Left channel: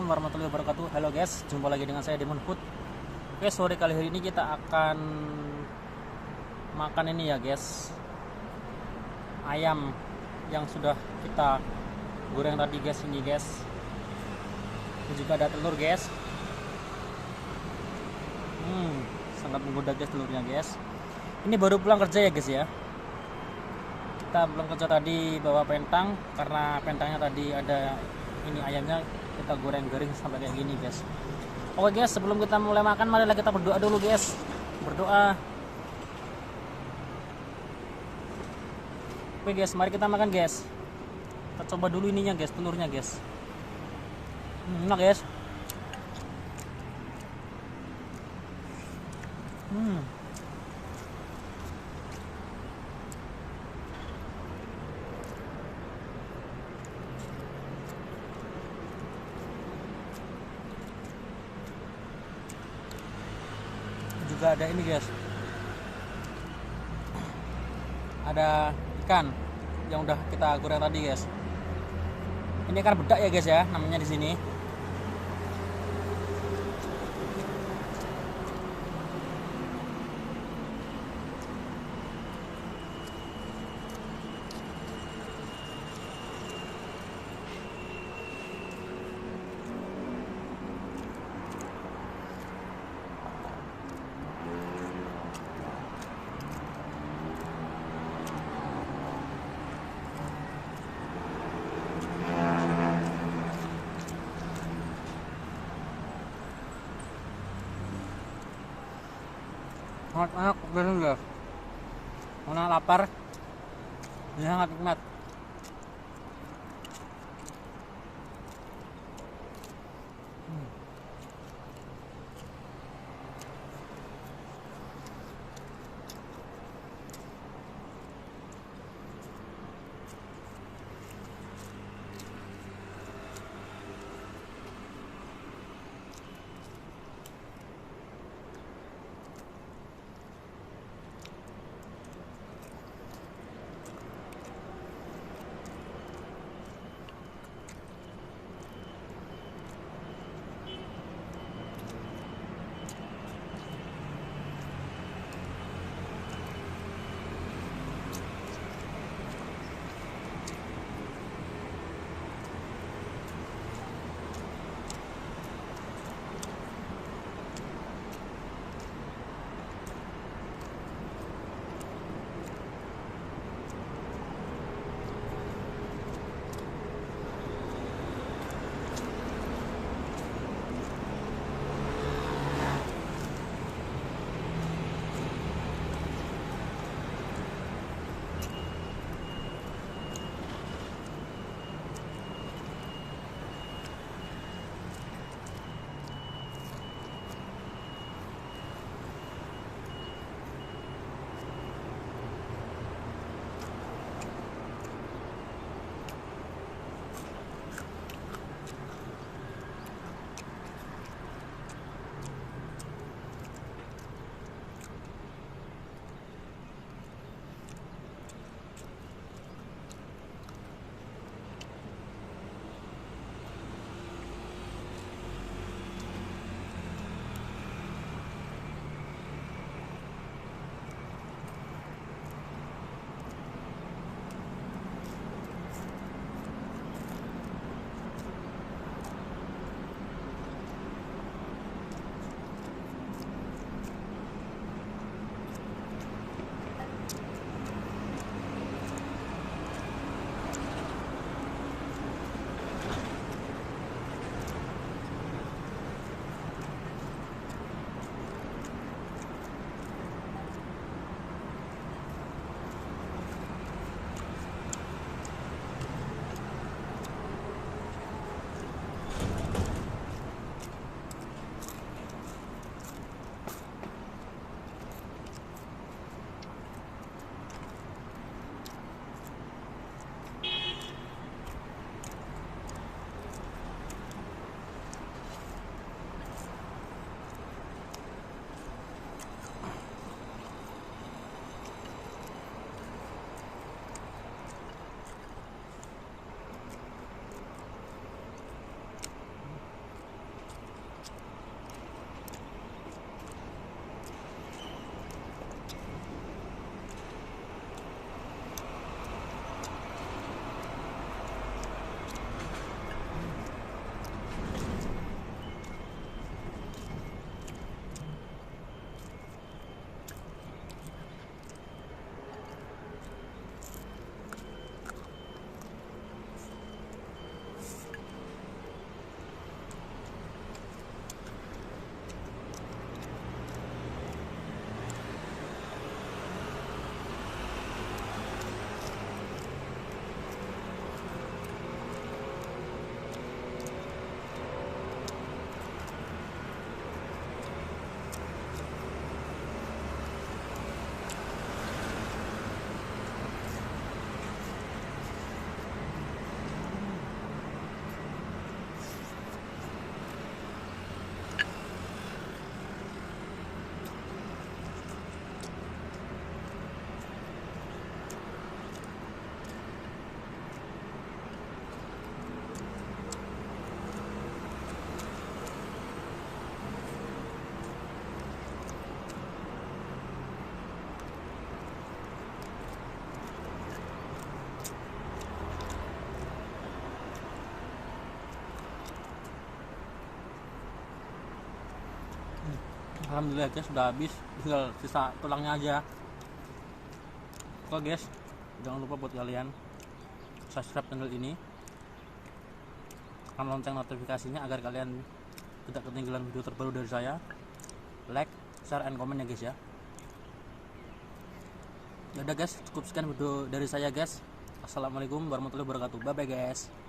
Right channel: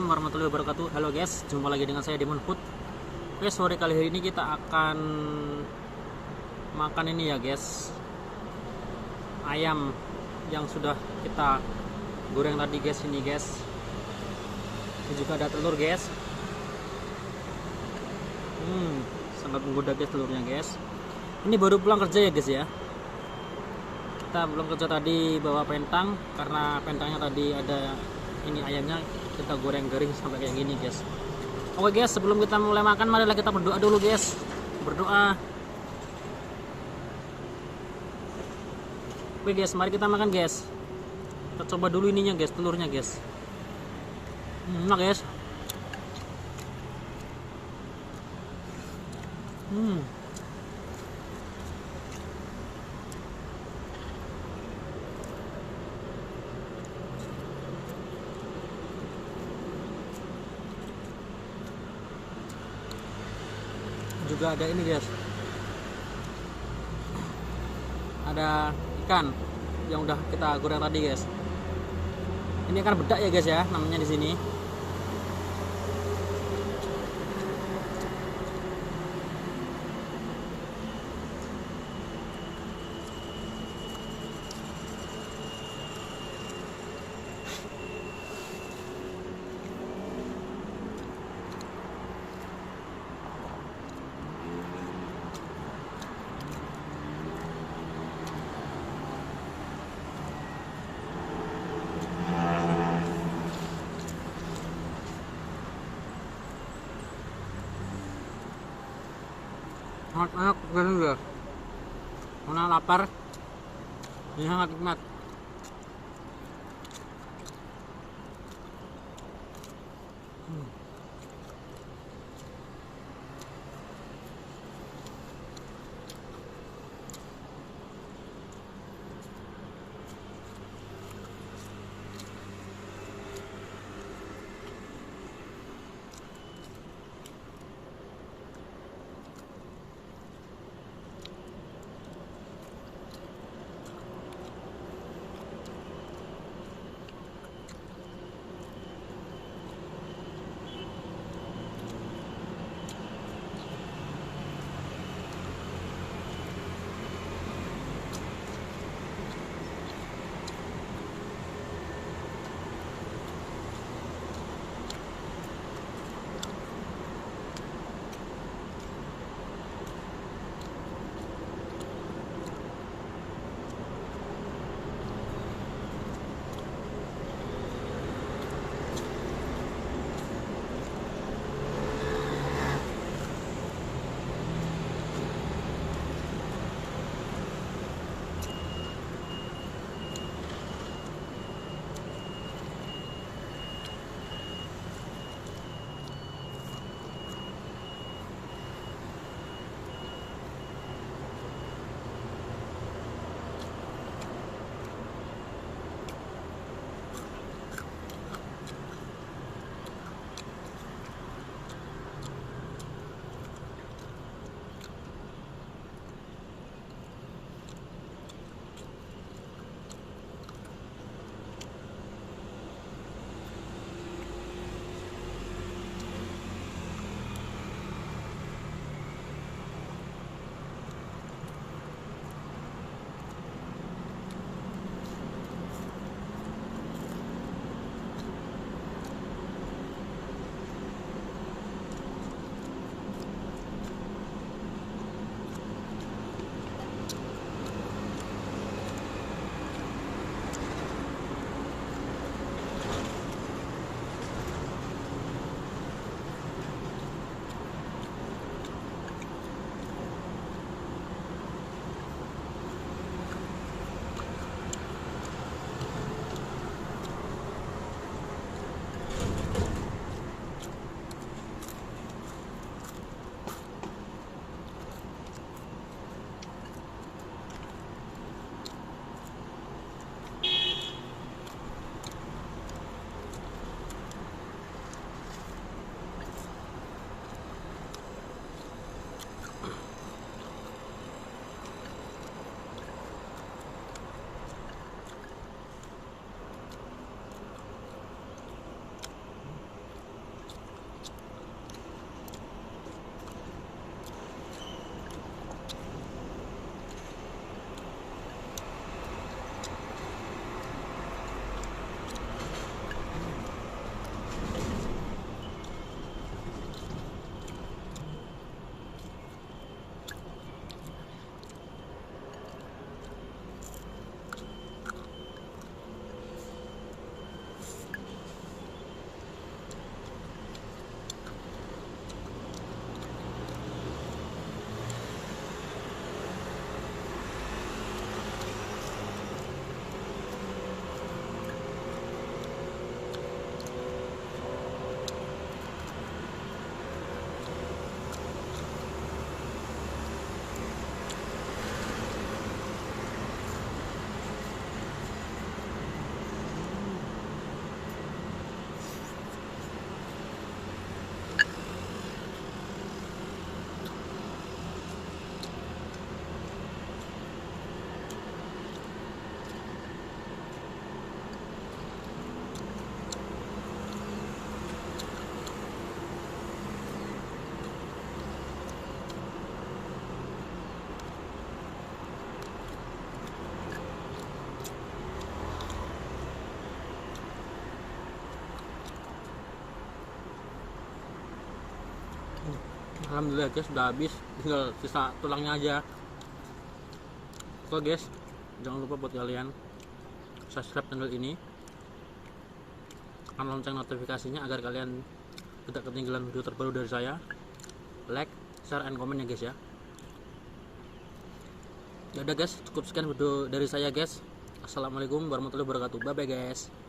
Assalamualaikum warahmatullahi wabarakatuh. Halo guys, jumpa lagi dengan saya Demon Food. Oke, sore kali ini kita akan makan ini ya guys, ayam yang sudah kita goreng tadi guys. Ini guys, ini juga ada telur guys. Sangat menggoda guys telurnya guys. Ini baru pulang kerja ya guys ya. Kita pulang kerja tadi bawa pentang, karena pentangnya tadi ada ini ayamnya, kita goreng garing sampai kayak gini guys. Oke guys, sebelum kita mulai makan, marilah kita berdoa dulu guys. Berdoa. Oke guys, mari kita makan guys. Kita coba dulu ininya guys, telurnya guys. Enak guys. Juga ada ini guys, ada ikan yang udah kita goreng tadi guys. Ini ikan bedak ya guys ya, namanya di sini. Sangat enak ini ya, karena lapar, ini sangat nikmat. Alhamdulillah guys, sudah habis, tinggal sisa tulangnya aja. Oke guys, jangan lupa buat kalian subscribe channel ini, tekan lonceng notifikasinya agar kalian tidak ketinggalan video terbaru dari saya. Like, share, and comment ya guys ya. Ya udah guys, cukup sekian video dari saya guys. Assalamualaikum warahmatullahi wabarakatuh. Bye bye guys.